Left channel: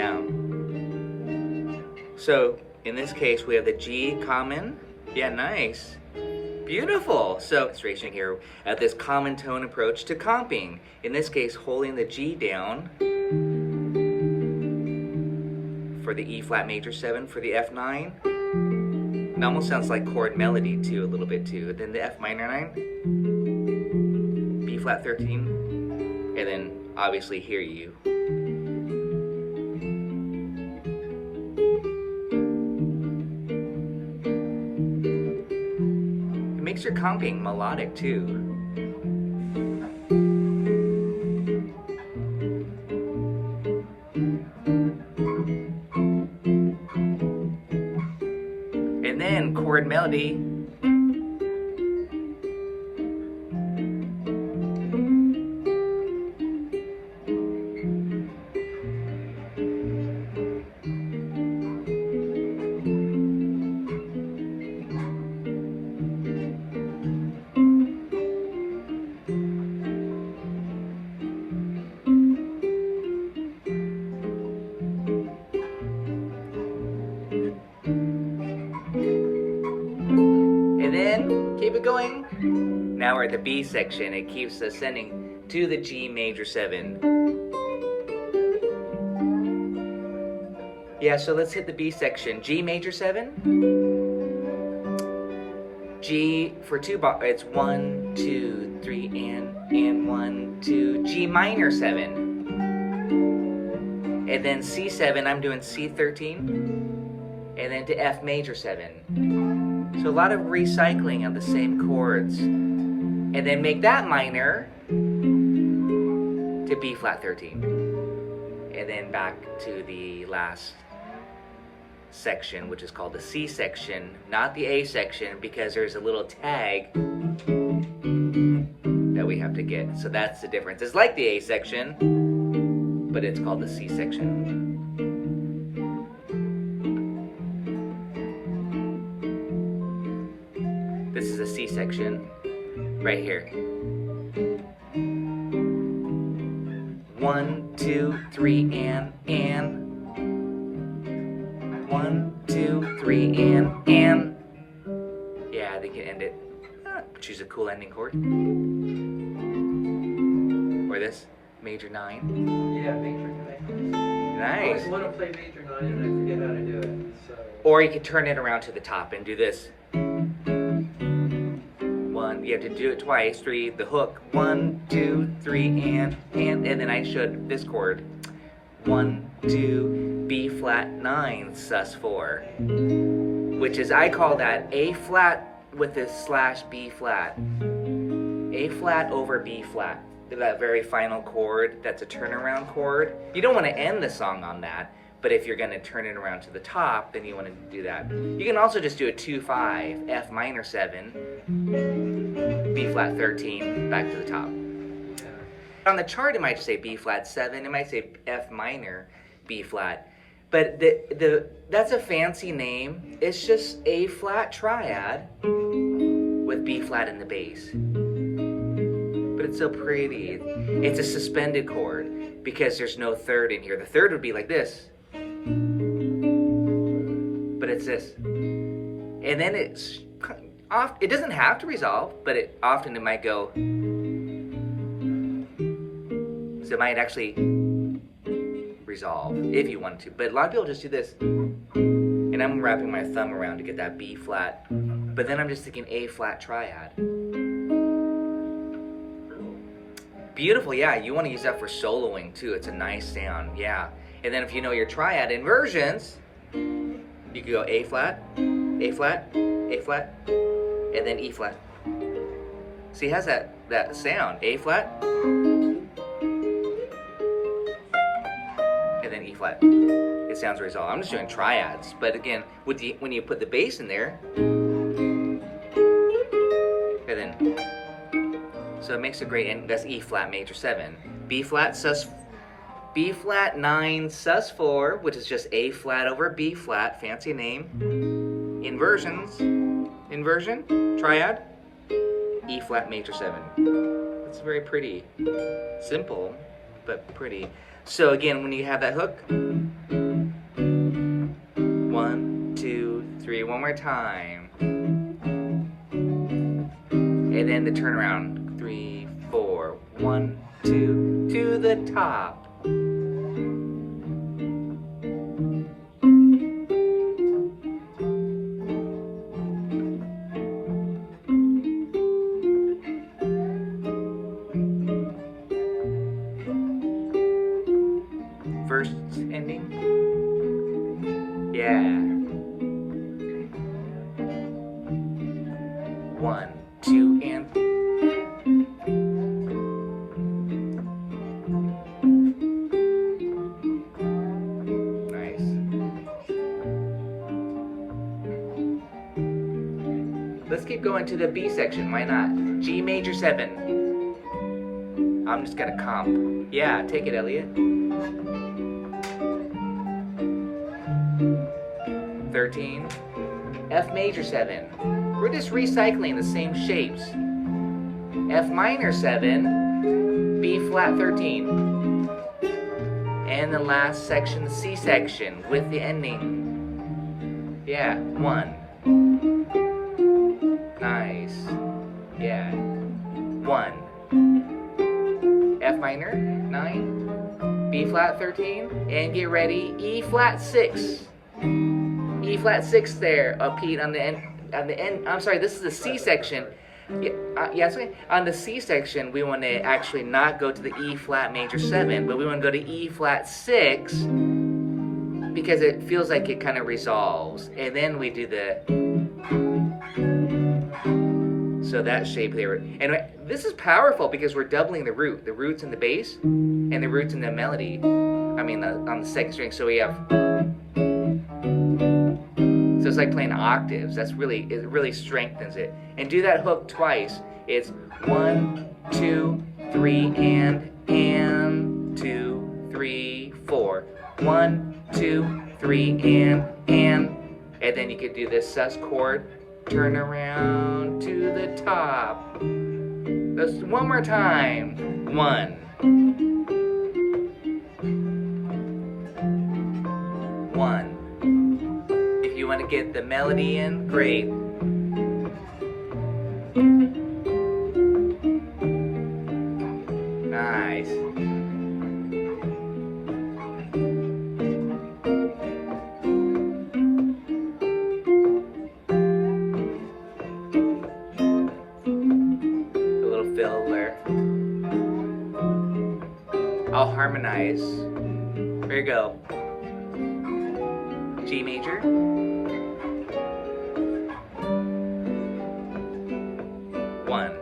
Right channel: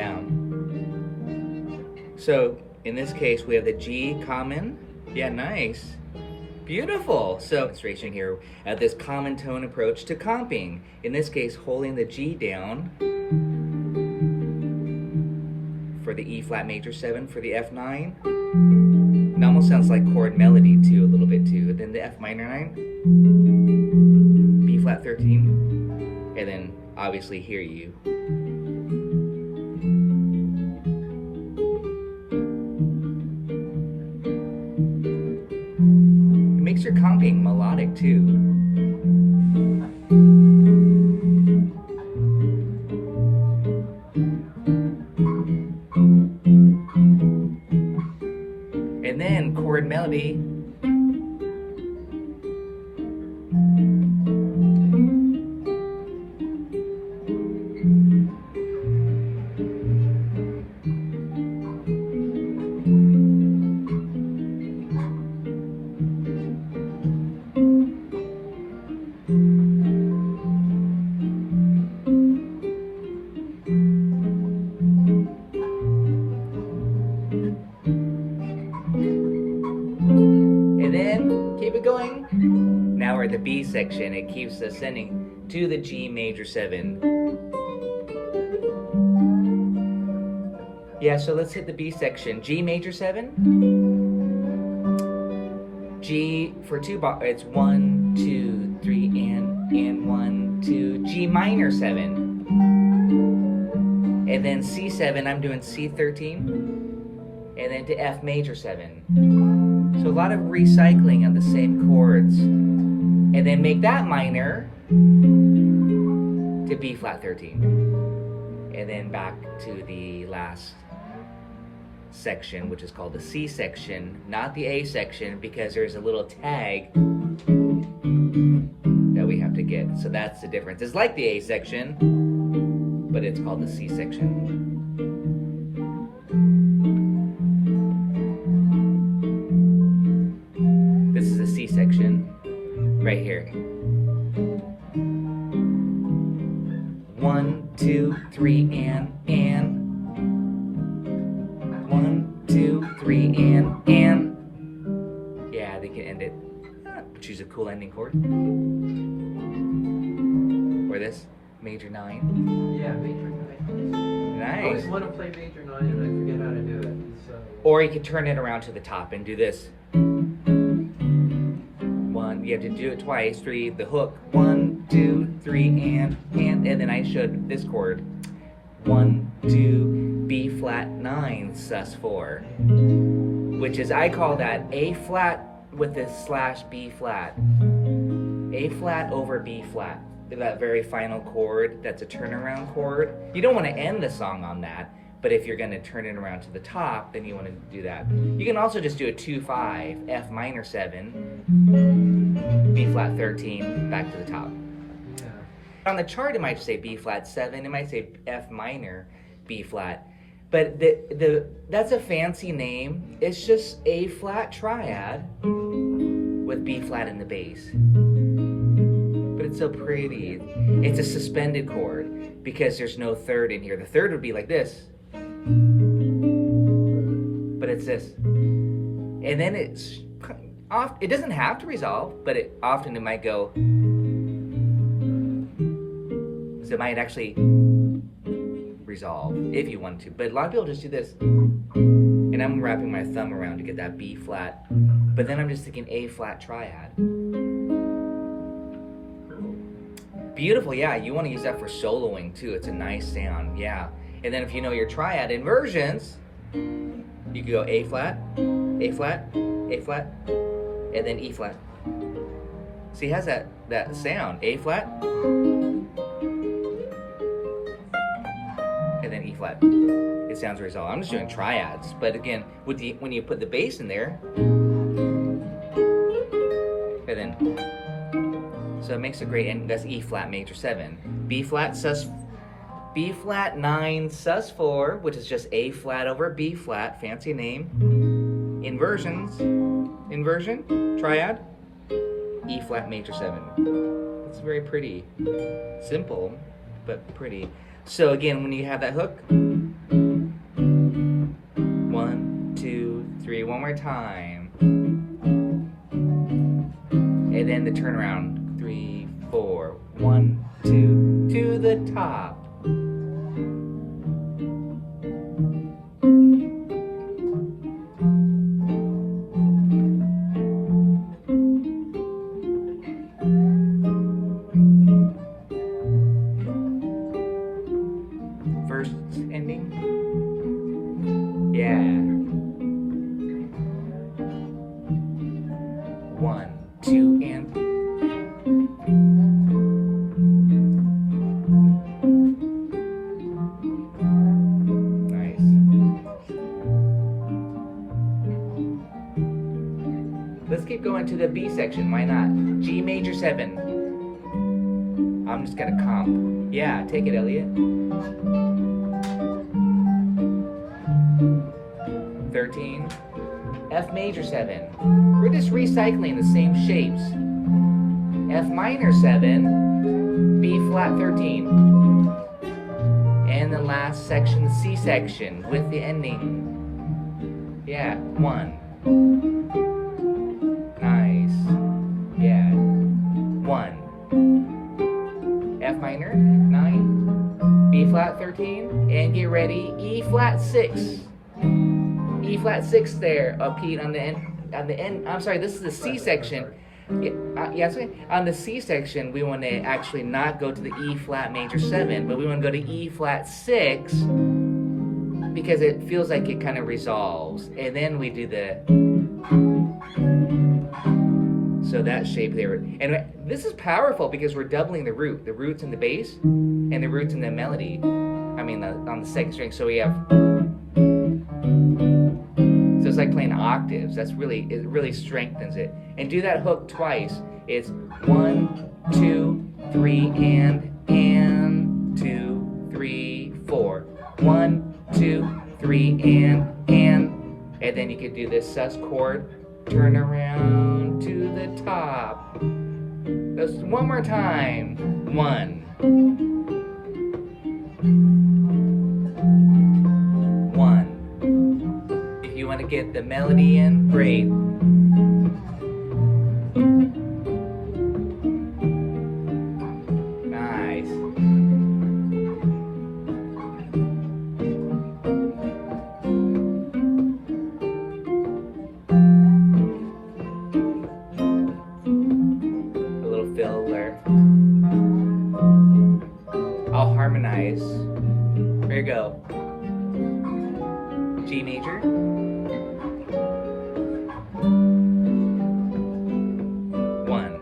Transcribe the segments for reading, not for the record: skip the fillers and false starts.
Yeah. So in this case, we have the G common. Yeah, nice. Beautiful. So it's tracing here at this common tone approach to comping. In this case, holding the G down for the E flat major 7 for the F9. It almost sounds like chord melody too, a little bit too. Then the F minor 9, B flat 13, and then obviously here you. It makes your comping melodic too. And then chord melody. And then keep it going. Now we're at the B section. It keeps ascending to the G major 7. Yeah, so let's hit the B section. G major 7. G for 2 bar. It's 1, 2, 3, and 1, 2. G minor 7. And then C7. I'm doing C13. And then to F major 7. So a lot of recycling of the same chords. And then make that minor to B flat 13. And then back to the last section, which is called the C section, not the A section, because there's a little tag that we have to get. So that's the difference. It's like the A section, but it's called the C section. This is a C section right here. 1, 2, 3, and 1, 2, 3, and yeah, they can end it. Choose a cool ending chord. Or this major 9. Yeah, major 9. Nice. I always want to play major 9 and I forget how to do it. So. Or you could turn it around to the top and do this. 1, you have to do it twice. 3, the hook. 1, 2, 3, and then I showed this chord. 1, 2, B flat 9, sus 4, which is, I call that A flat with this slash B flat. A flat over B flat. That very final chord, that's a turnaround chord. You don't want to end the song on that, but if you're going to turn it around to the top, then you want to do that. You can also just do a 2-5, F minor 7, B flat 13, back to the top. On the chart, it might say B flat 7, it might say F minor, B flat. But that's a fancy name. It's just A flat triad with B flat in the bass. But it's so pretty. It's a suspended chord because there's no third in here. The third would be like this. But it's this. And then it's off. It doesn't have to resolve, but it might go. So it might actually resolve if you want to. But a lot of people just do this. And I'm wrapping my thumb around to get that B flat. But then I'm just thinking A flat triad. Beautiful, yeah. You want to use that for soloing too. It's a nice sound, yeah. And then if you know your triad inversions, you can go A flat, A flat, A flat, and then E flat. See, it has that sound. A flat, and then E flat. It sounds resolved. I'm just doing triads, but again, when you put the bass in there, and then, so it makes a great end. That's E flat major 7, B flat sus, B flat 9 sus 4, which is just A flat over B flat, fancy name. Inversions, inversion, triad, E flat major 7. That's very pretty, simple. but pretty. So again, when you have that hook, 1, 2, 3, one more time. And then the turnaround, 3, 4, 1, 2, to the top. First ending. Yeah. 1, 2, and nice. Let's keep going to the B section. Why not? G major 7. I'm just gonna comp. Yeah, take it, Elliot. 13. F major 7. We're just recycling the same shapes. F minor 7. B flat 13. And the last section, C section, with the ending. Yeah, 1. Nice. Yeah. 1. F minor 9. B flat 13. And get ready, E flat 6. E flat 6 there, Pete, on the end. I'm sorry, this is the C section. Yeah, sorry. On the C section, we want to actually not go to the E flat major 7, but we want to go to E flat 6 because it feels like it kind of resolves. And then we do the, so that shape there. And this is powerful because we're doubling the root. The root's in the bass and the root's in the melody. I mean, on the second string. So we have, so it's like playing octaves. It really strengthens it. And do that hook twice. It's 1, 2, 3, and 2, 3, 4. 1, 2, 3, and then you could do this sus chord, turn around to the top. Let's one more time. 1. 1. If you want to get the melody in, great. Nice. A little fill there. I'll harmonize. There you go. G major. 1.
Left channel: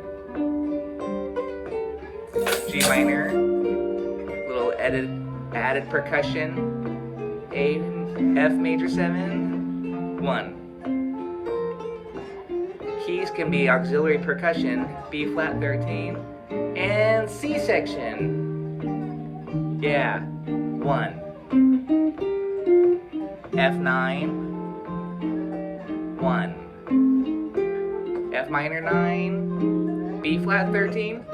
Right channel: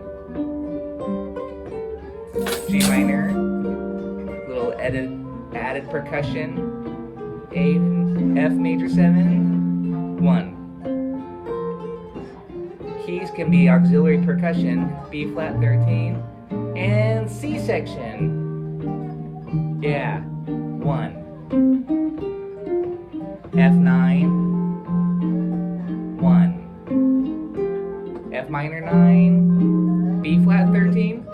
G minor. Little added percussion. A, F major 7. 1. Keys can be auxiliary percussion. B flat 13. And C section. Yeah. 1. F9. 1. F minor 9. B flat 13.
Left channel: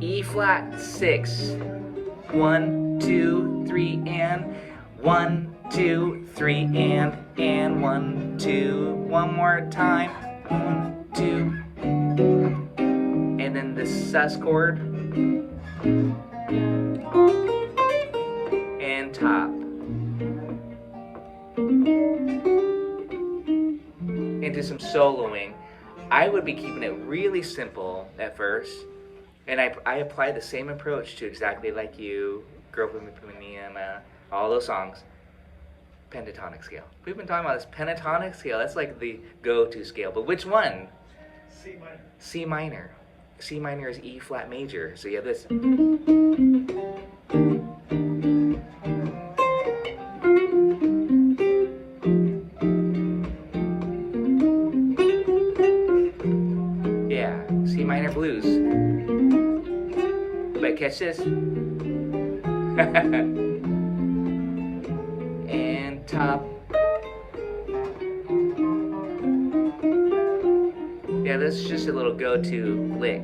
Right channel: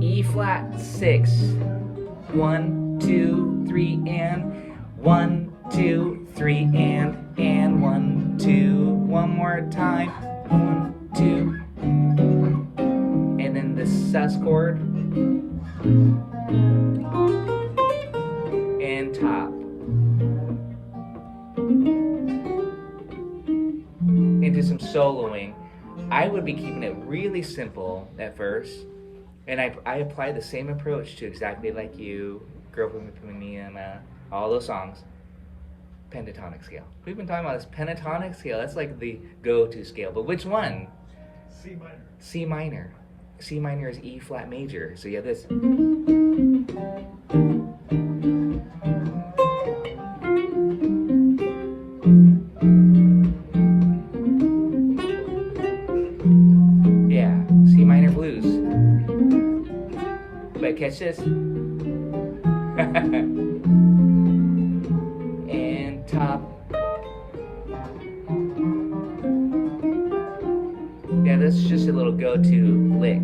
E flat 6. 1, 2, 3, and 1, 2, 3, and 1, 2. One more time. 1, 2. And then the sus chord. And top. Into some soloing. I would be keeping it really simple at first, and I apply the same approach to Exactly Like You, Girl From Me, and all those songs. Pentatonic scale. We've been talking about this pentatonic scale. That's like the go-to scale. But which one? C minor. C minor. C minor is E flat major. So you have this. Yeah, C minor blues. But catch this. And top. Yeah, this is just a little go-to lick.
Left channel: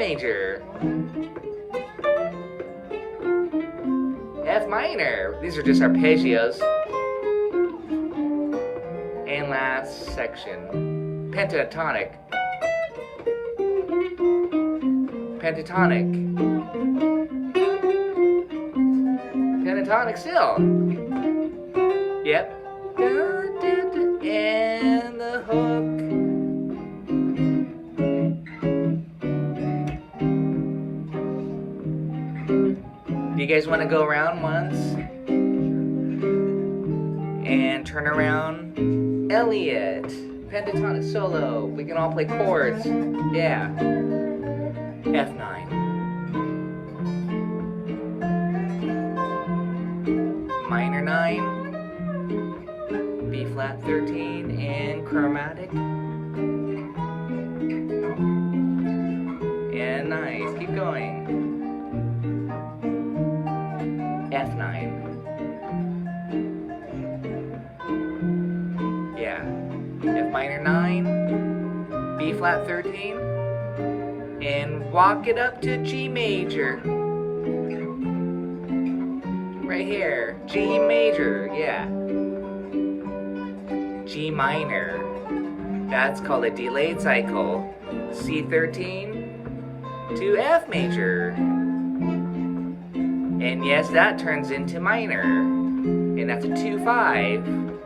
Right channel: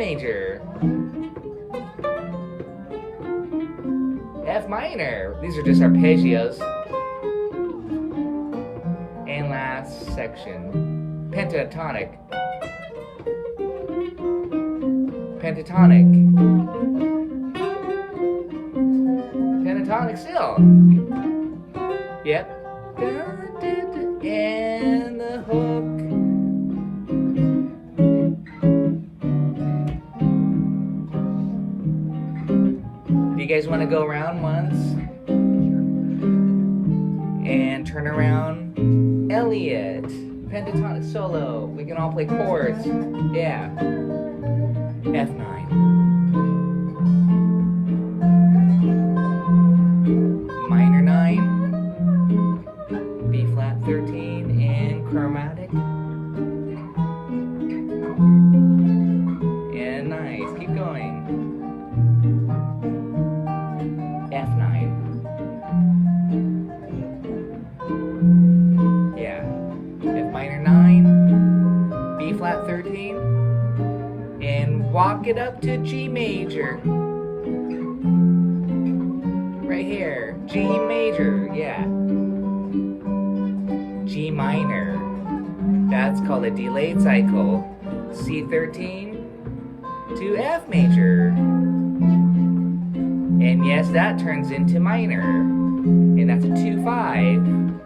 major, F minor. These are just arpeggios. And last section, pentatonic. Pentatonic. Pentatonic still. Yep. And the hook. Do you guys want to go around once? And turn around. Elliot. Pentatonic solo. We can all play chords. Yeah. F9. Minor 9. B flat 13 and chromatic. And nice. Keep going. F9. Yeah. F minor 9. B flat 13. And walk it up to G major. Right here. G major. Yeah. G minor. That's called a delayed cycle. C13 to F major. And yes, that turns into minor. And that's a 2-5.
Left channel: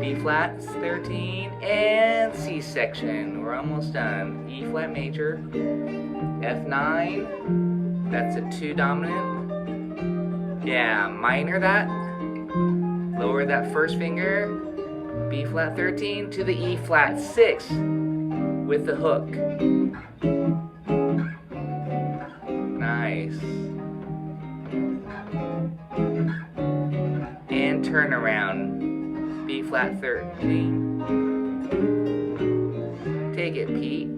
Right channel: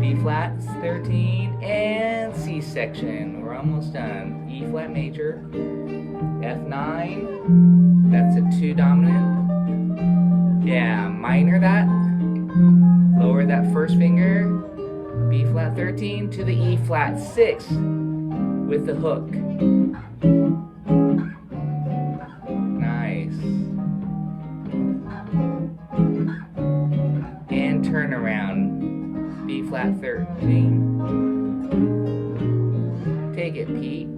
B flat 13 and C section. We're almost done. E flat major. F9. That's a 2 dominant. Yeah, minor that. Lower that first finger. B flat 13 to the E flat 6 with the hook. Nice. And turn around. B flat 13. Take it, Pete.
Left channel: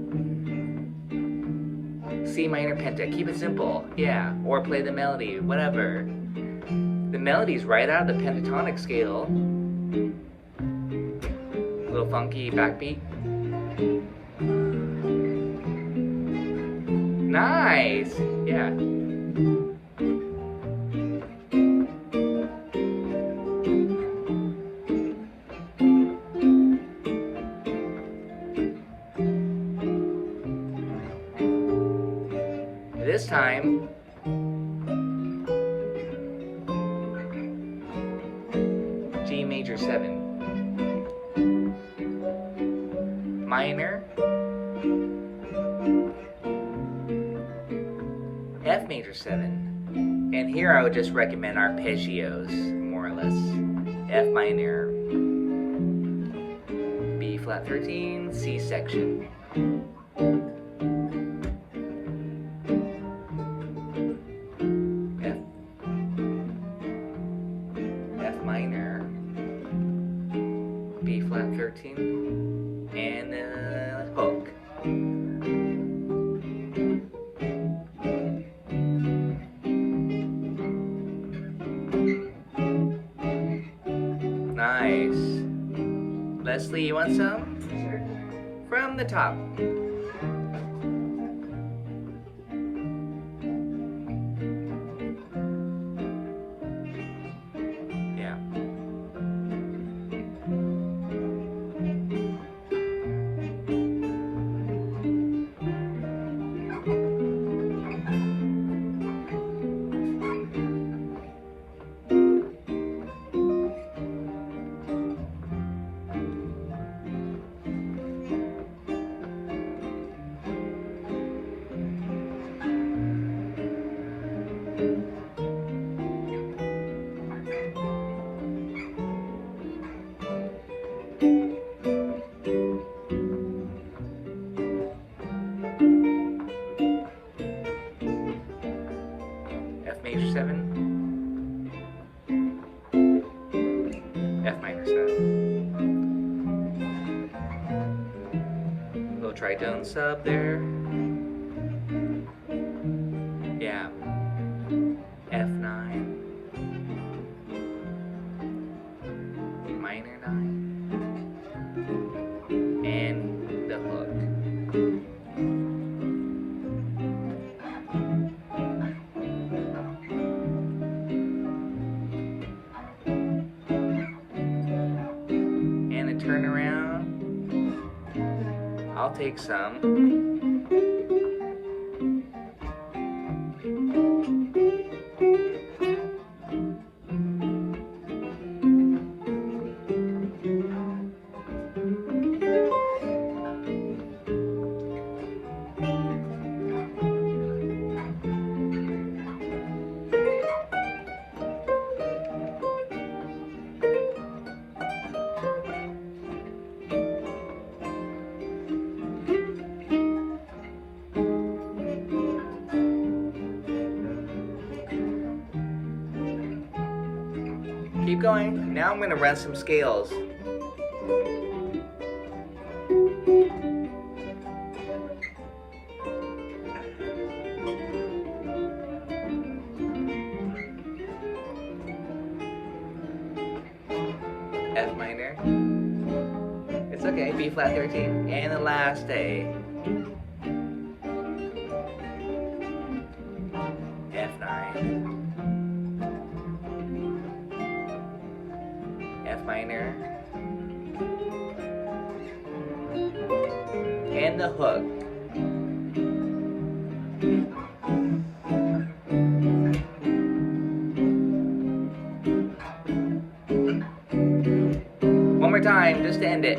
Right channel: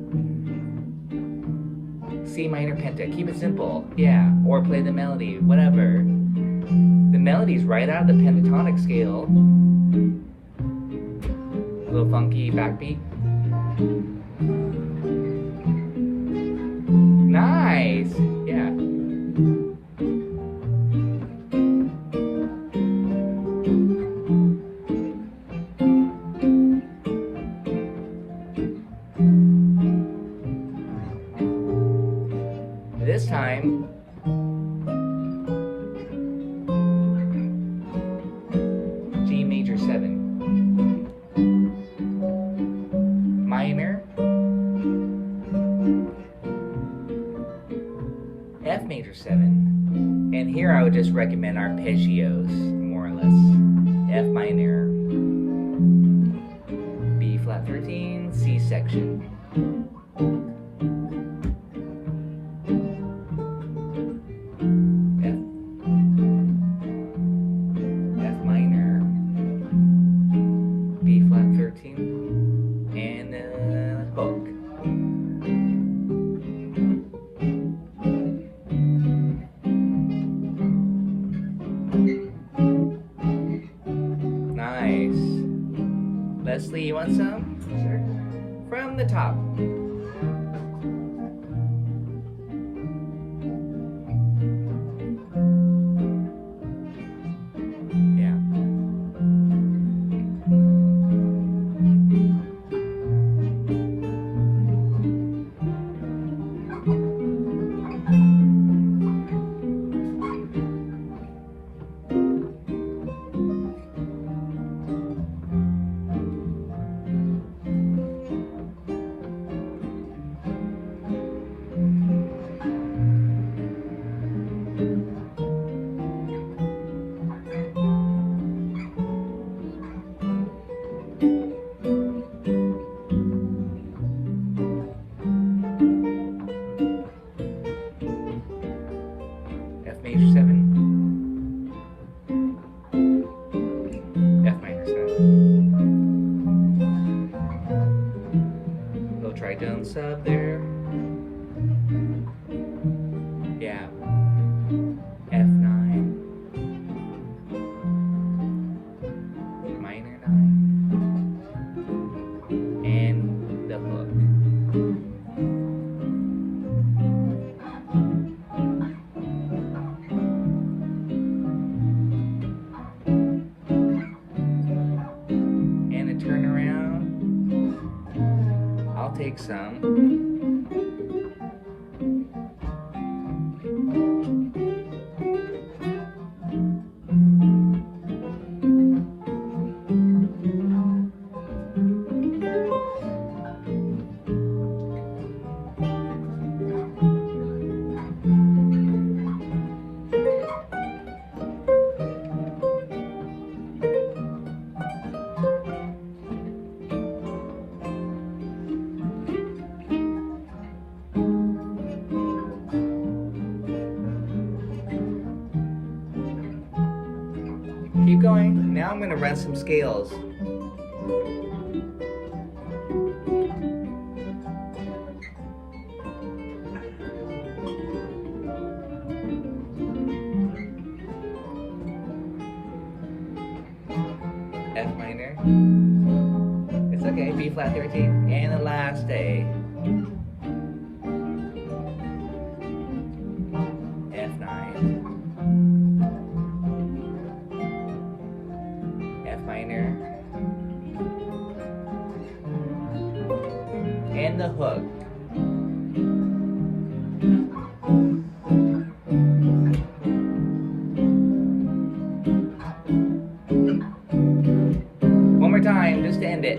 C minor penta. Keep it simple. Yeah. Or play the melody. Whatever. The melody's right out of the pentatonic scale. Little funky backbeat. Nice. Yeah. This time, G major 7. Minor, F major 7, and here I would just recommend arpeggios, more or less. F minor, B flat 13, C section. F minor, B flat 13. And the hook. Nice. Leslie, you want some? Sure. From the top. Yeah. F major 7. F minor 7. Little tritone sub there. Yeah. F9. Minor 9. And the hook. some. Keep going. Now I'm going to run some scales. F minor. It's okay. B flat 13. And the last A. F9. Minor, and the hook. One more time, just to end it.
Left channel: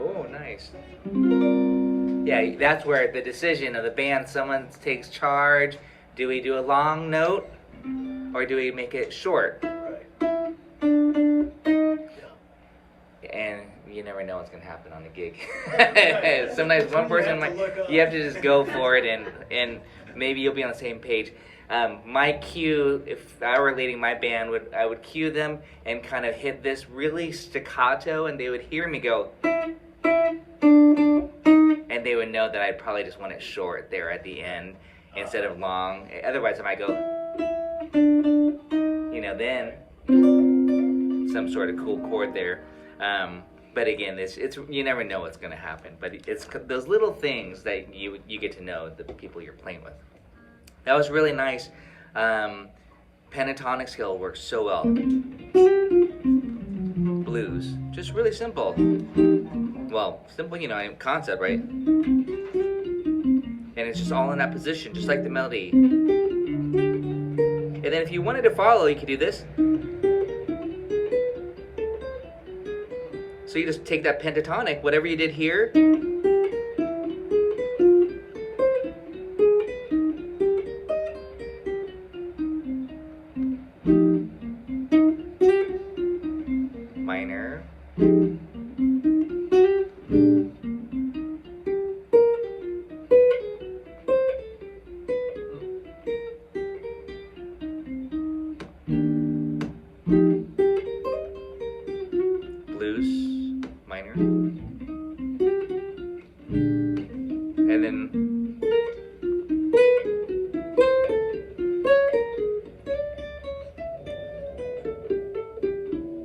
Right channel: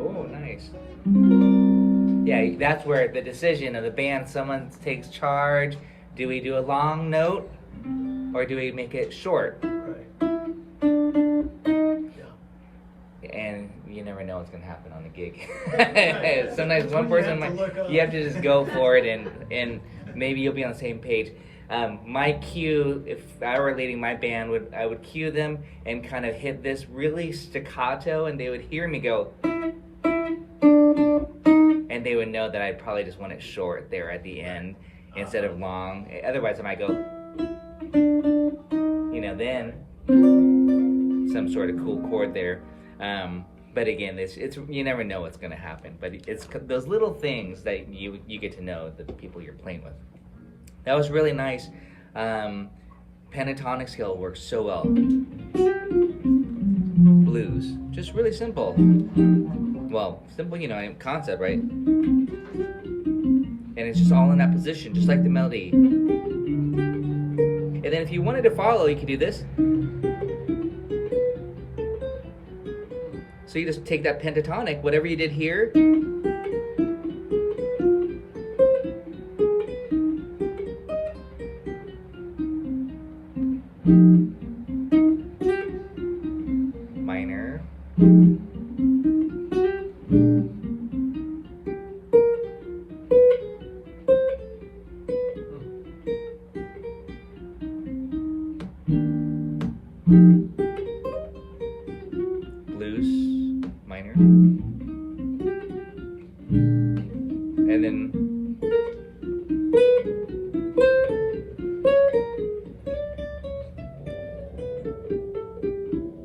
Oh, nice. Yeah, that's where the decision of the band, someone takes charge. Do we do a long note? Or do we make it short? Right. Yeah. And you never know what's going to happen on a gig. Sometimes one person, you have to just go for it, and maybe you'll be on the same page. My cue, if I were leading my band, I would cue them and kind of hit this really staccato, and they would hear me go, and they would know that I'd probably just want it short there at the end instead of long. Otherwise, I might go, then some sort of cool chord there. But again, it's you never know what's going to happen. But it's those little things that you get to know the people you're playing with. That was really nice. Pentatonic scale works so well. Blues, just really simple. Well, simple, concept, right? And it's just all in that position, just like the melody. And then if you wanted to follow, you could do this. So you just take that pentatonic, whatever you did here. Minor. Blues, minor, and then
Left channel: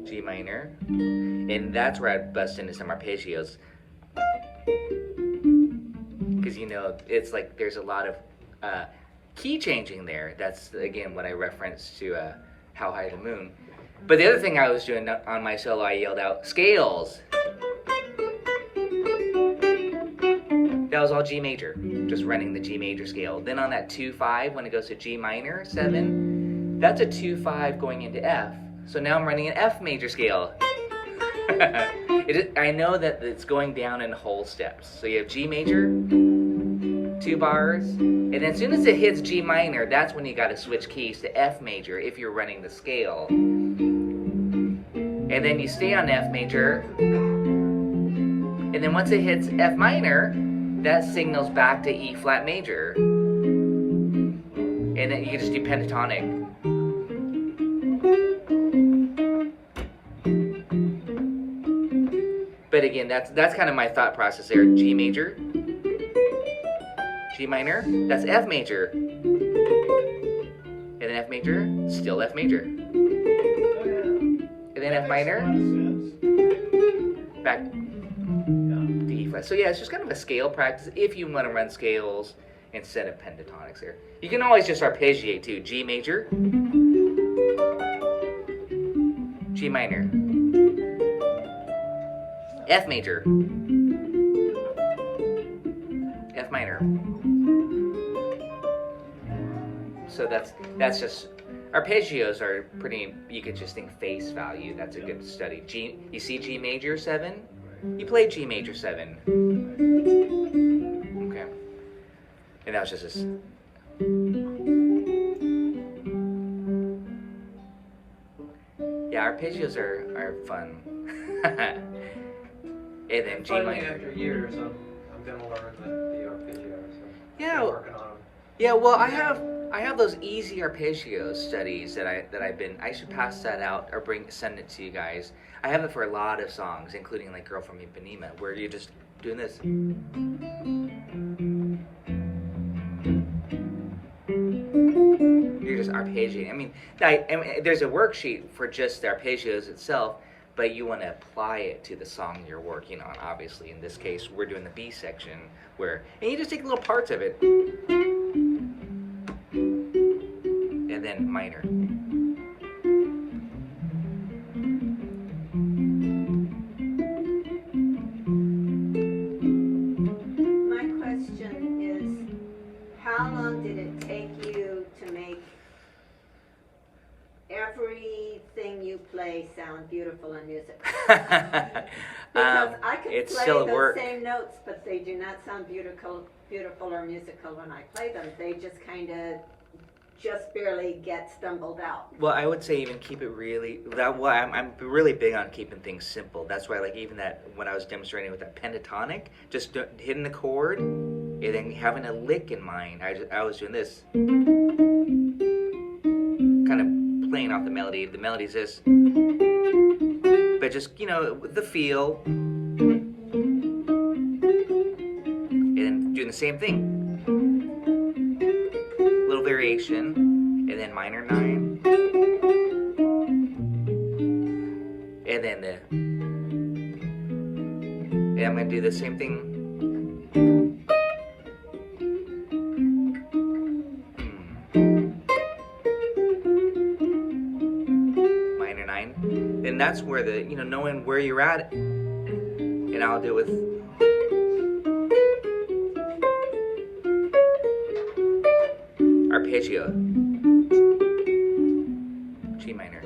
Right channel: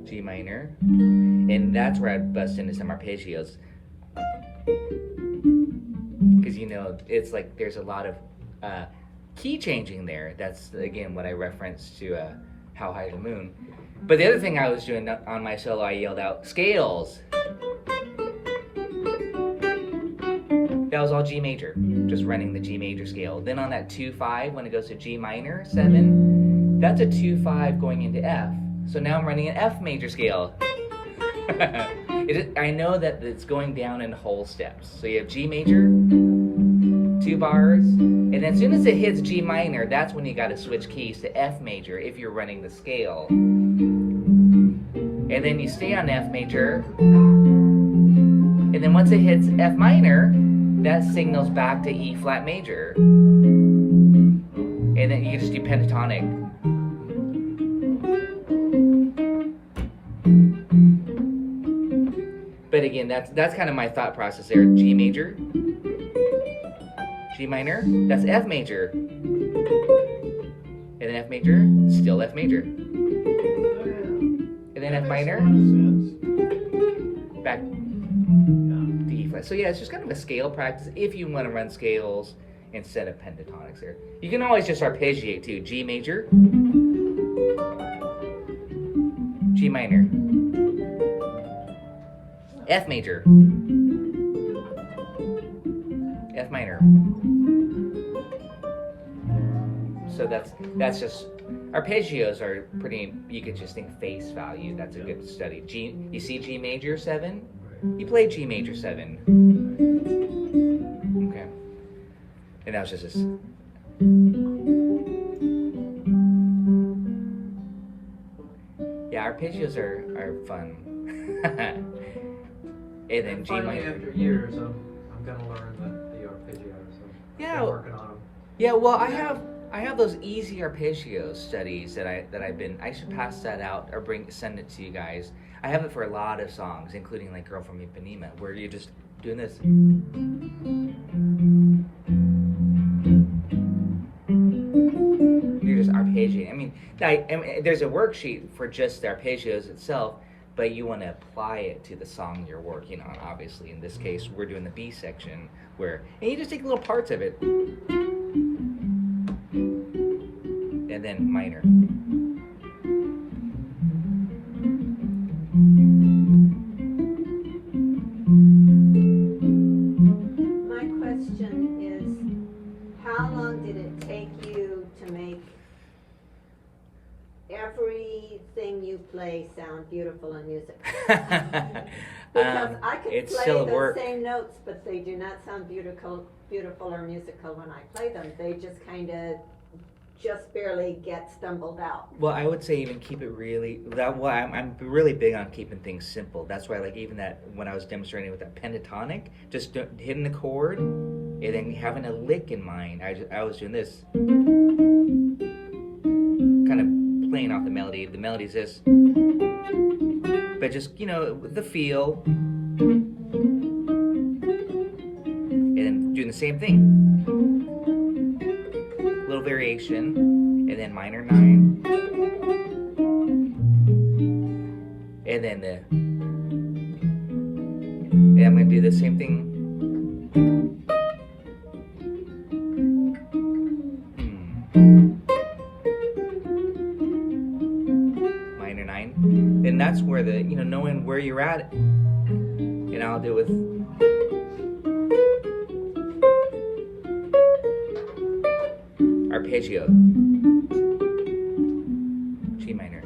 G minor, and that's where I bust into some arpeggios, because it's like there's a lot of key changing there. That's again what I referenced to How High the Moon. But the other thing I was doing on my solo, I yelled out, scales. That was all G major, just running the G major scale. Then on that 2-5, when it goes to G minor, 7, that's a 2-5 going into F. So now I'm running an F major scale. I know that it's going down in whole steps. So you have G major, 2 bars, and then as soon as it hits G minor, that's when you got to switch keys to F major if you're running the scale. And then you stay on F major, and then once it hits F minor, that signals back to E flat major. And then you just do pentatonic. But again, that's kind of my thought process there. G major, G minor, that's F major. And then F major, still F major. And then F minor, back to E flat. So yeah, it's just kind of a scale practice if you want to run scales instead of pentatonics here. You can always just arpeggiate too. G major, G minor, F major, F minor. So that's just, arpeggios are pretty, you could just think face value. That's a good study. G, you see G major 7? You play G major 7. Okay. And that was just this. Yeah, arpeggios are fun. And then G Finally, minor. after years, I'm gonna learn the arpeggios. So Yeah. I'm working on them. Yeah, well, I have those easy arpeggio studies that I've been. I should pass that out or send it to you guys. I have it for a lot of songs, including like "Girl from Ipanema," where you're just doing this. You're just arpeggiating. I mean, there's a worksheet for just the arpeggios itself, but you want to apply it to the song you're working on. Obviously, in this case, we're doing the B section, and you just take little parts of it. And then minor. My question is, how long did it take you to make everything you play sound beautiful and musical? Because I could it's play still those work. same notes, but they do not sound beautiful or musical when I play them. They just kind of just barely get stumbled out. Well, I would say even keep it really. I'm really big on keeping things simple. That's why, like even that when I was demonstrating with that pentatonic, just hitting the chord and then having a lick in mind. I was doing this, kind of playing off the melody. The melody's this, but just the feel, and then doing the same thing. Little variation, and then minor 9, and then and I'm gonna do the same thing. Minor 9, and that's where the knowing where you're at, and I'll do it with. Arpeggio, G minor,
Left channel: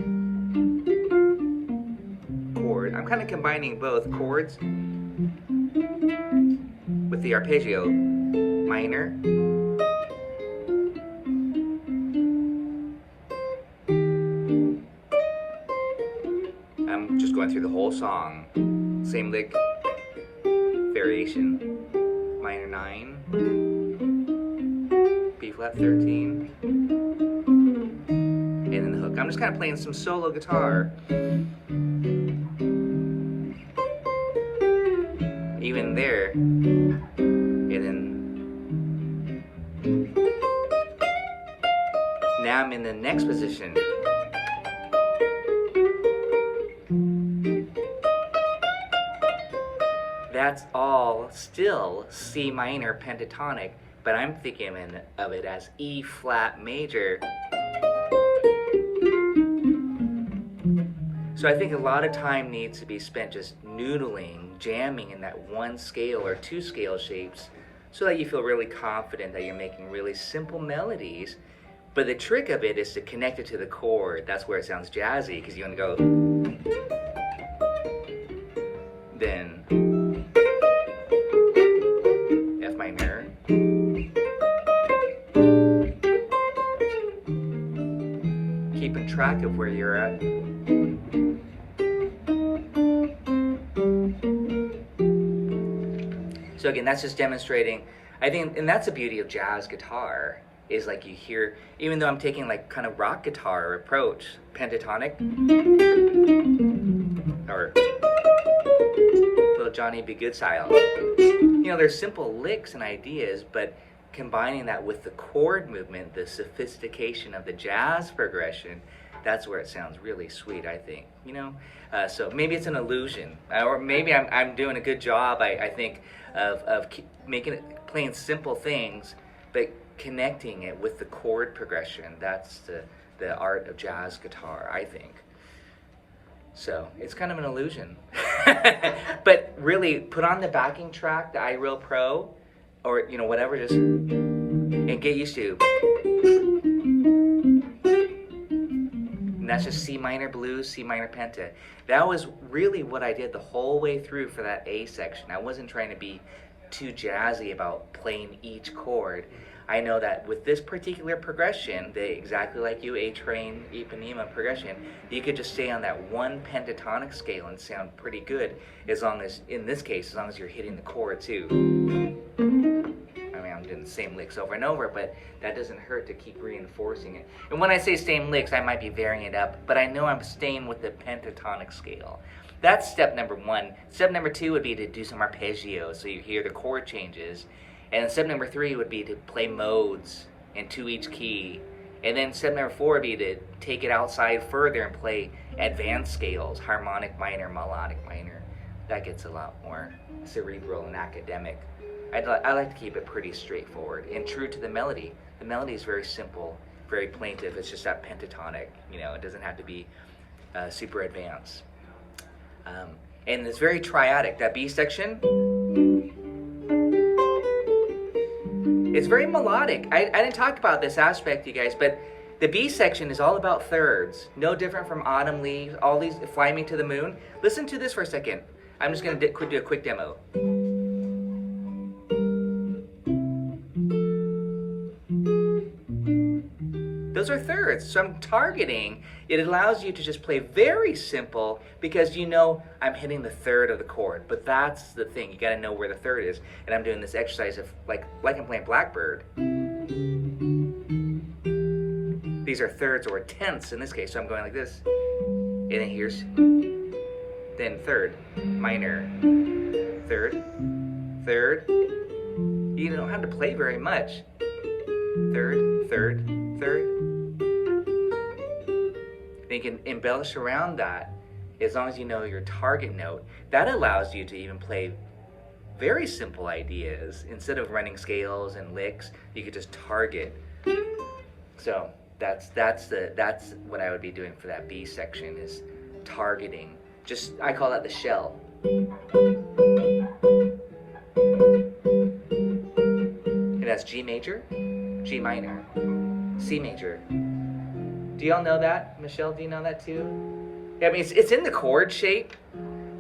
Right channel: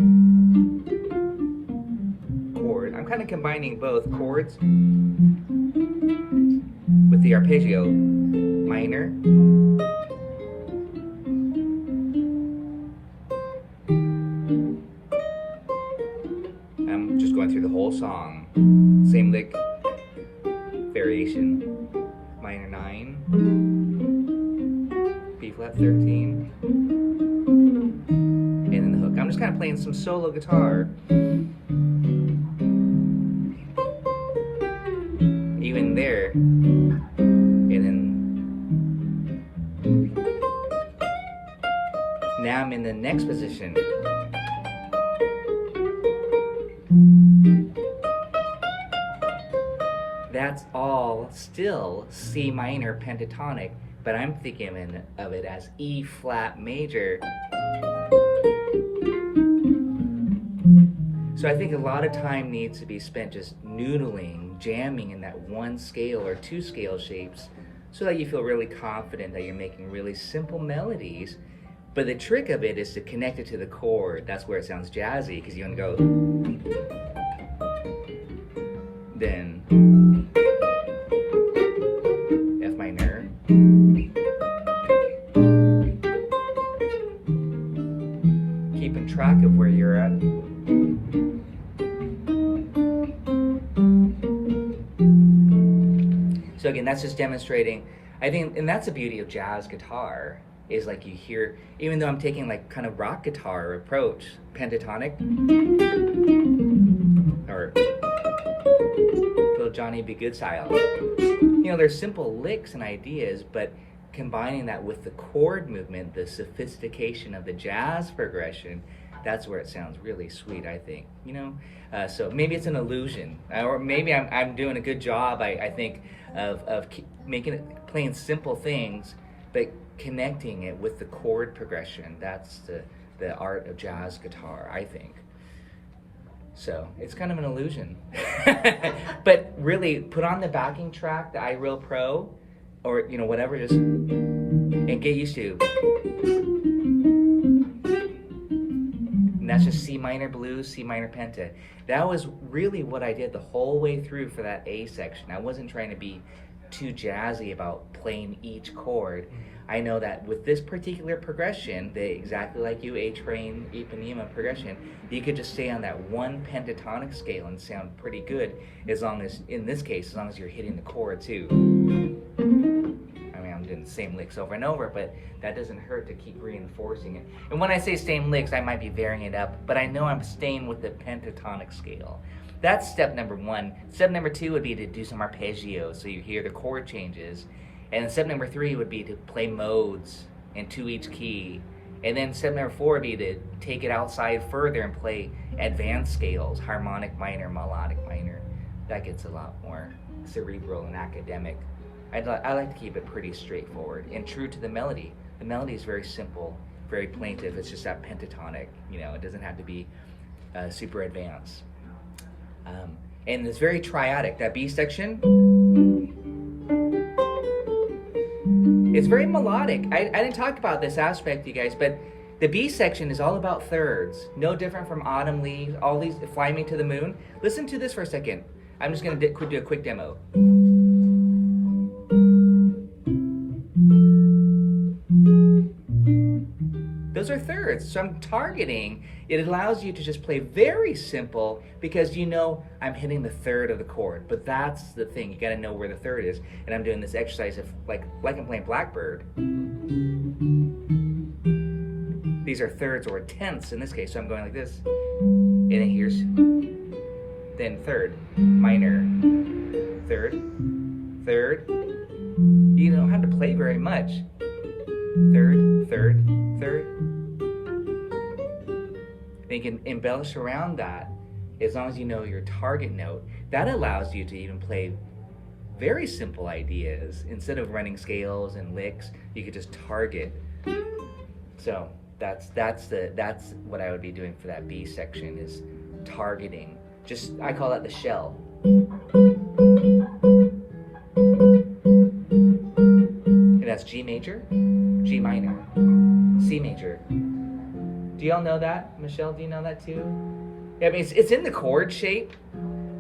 chord. I'm kind of combining both chords with the arpeggio, minor, I'm just going through the whole song, same lick, variation, minor 9, B flat 13, and then the hook. I'm just kind of playing some solo guitar. Even there, and then now I'm in the next position. That's all still C minor pentatonic, but I'm thinking of it as E flat major. So I think a lot of time needs to be spent just noodling, jamming in that one scale or two scale shapes so that you feel really confident that you're making really simple melodies. But the trick of it is to connect it to the chord. That's where it sounds jazzy, because you want to go, then F minor, keeping track of where you're at. So again, that's just demonstrating, I think, and that's the beauty of jazz guitar, is like you hear, even though I'm taking like kind of rock guitar approach, pentatonic, or little Johnny B. Good style. There's simple licks and ideas, but combining that with the chord movement, the sophistication of the jazz progression, that's where it sounds really sweet, I think. So maybe it's an illusion, or maybe I'm doing a good job, I think, of making it, playing simple things, but connecting it with the chord progression. That's the art of jazz guitar, I think. So it's kind of an illusion. But really, put on the backing track, the iReal Pro, or whatever, just and get used to. And that's just C minor blues, C minor penta. That was really what I did the whole way through for that A section. I wasn't trying to be too jazzy about playing each chord. I know that with this particular progression, exactly like you, A train, Ipanema progression, you could just stay on that one pentatonic scale and sound pretty good, as long as, in this case, as long as you're hitting the chord too. I mean, I'm doing the same licks over and over, but that doesn't hurt to keep reinforcing it. And when I say same licks, I might be varying it up, but I know I'm staying with the pentatonic scale. That's step number one. Step number two would be to do some arpeggios, so you hear the chord changes. And then step number three would be to play modes into each key. And then step number four would be to take it outside further and play advanced scales, harmonic minor, melodic minor. That gets a lot more cerebral and academic. I like to keep it pretty straightforward and true to the melody. The melody is very simple, very plaintive. It's just that pentatonic, it doesn't have to be super advanced. And it's very triadic. That B section, it's very melodic. I didn't talk about this aspect, you guys, but the B section is all about thirds. No different from Autumn Leaves, all these, Fly Me to the Moon. Listen to this for a second. I'm just going to do a quick demo. Those are thirds, so I'm targeting. It allows you to just play very simple because I'm hitting the third of the chord. But that's the thing, you gotta know where the third is. And I'm doing this exercise of like I'm playing Blackbird. These are thirds or tenths in this case, so I'm going like this. And then here's, then third, minor, third, third. You don't have to play very much. Third, third, third. Then you can embellish around that as long as you know your target note. That allows you to even play very simple ideas. Instead of running scales and licks, you could just target. So that's what I would be doing for that B section, is targeting. I call that the shell. And that's G major, G minor, C major. Do y'all know that? Michelle, do you know that too? Yeah, I mean, it's in the chord shape,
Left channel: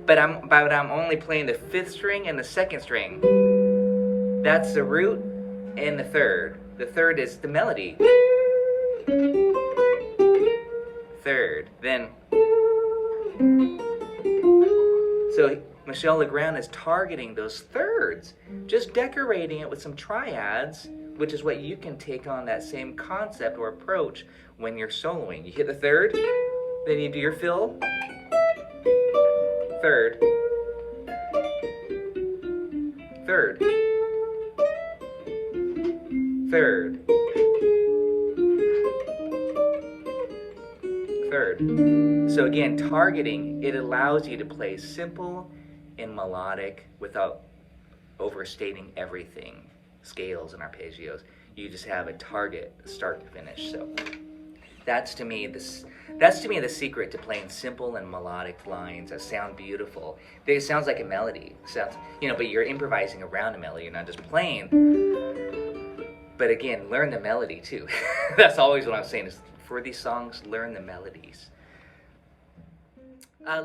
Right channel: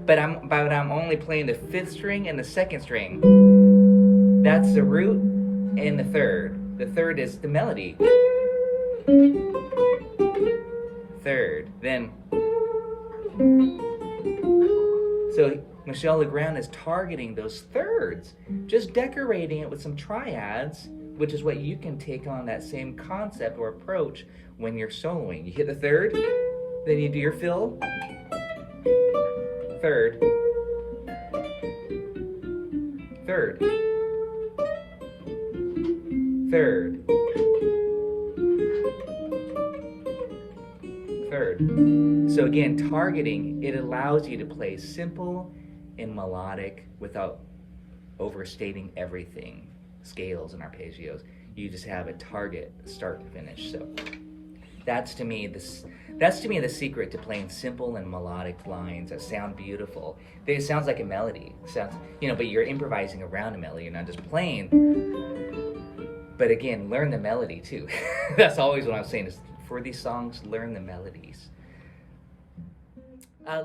but I'm only playing the fifth string and the second string. That's the root and the third. The third is the melody. Third, then. So Michelle Legrand is targeting those thirds, just decorating it with some triads, which is what you can take on that same concept or approach when you're soloing. You hit the third, then you do your fill, third, third, third, third. So again, targeting, it allows you to play simple and melodic without overstating everything, scales and arpeggios. You just have a target, start to finish. So that's to me the secret to playing simple and melodic lines that sound beautiful. It sounds like a melody. Sounds, but you're improvising around a melody. You're not just playing. But again, learn the melody too. That's always what I'm saying, is for these songs, learn the melodies.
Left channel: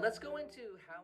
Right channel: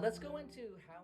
Let's go into how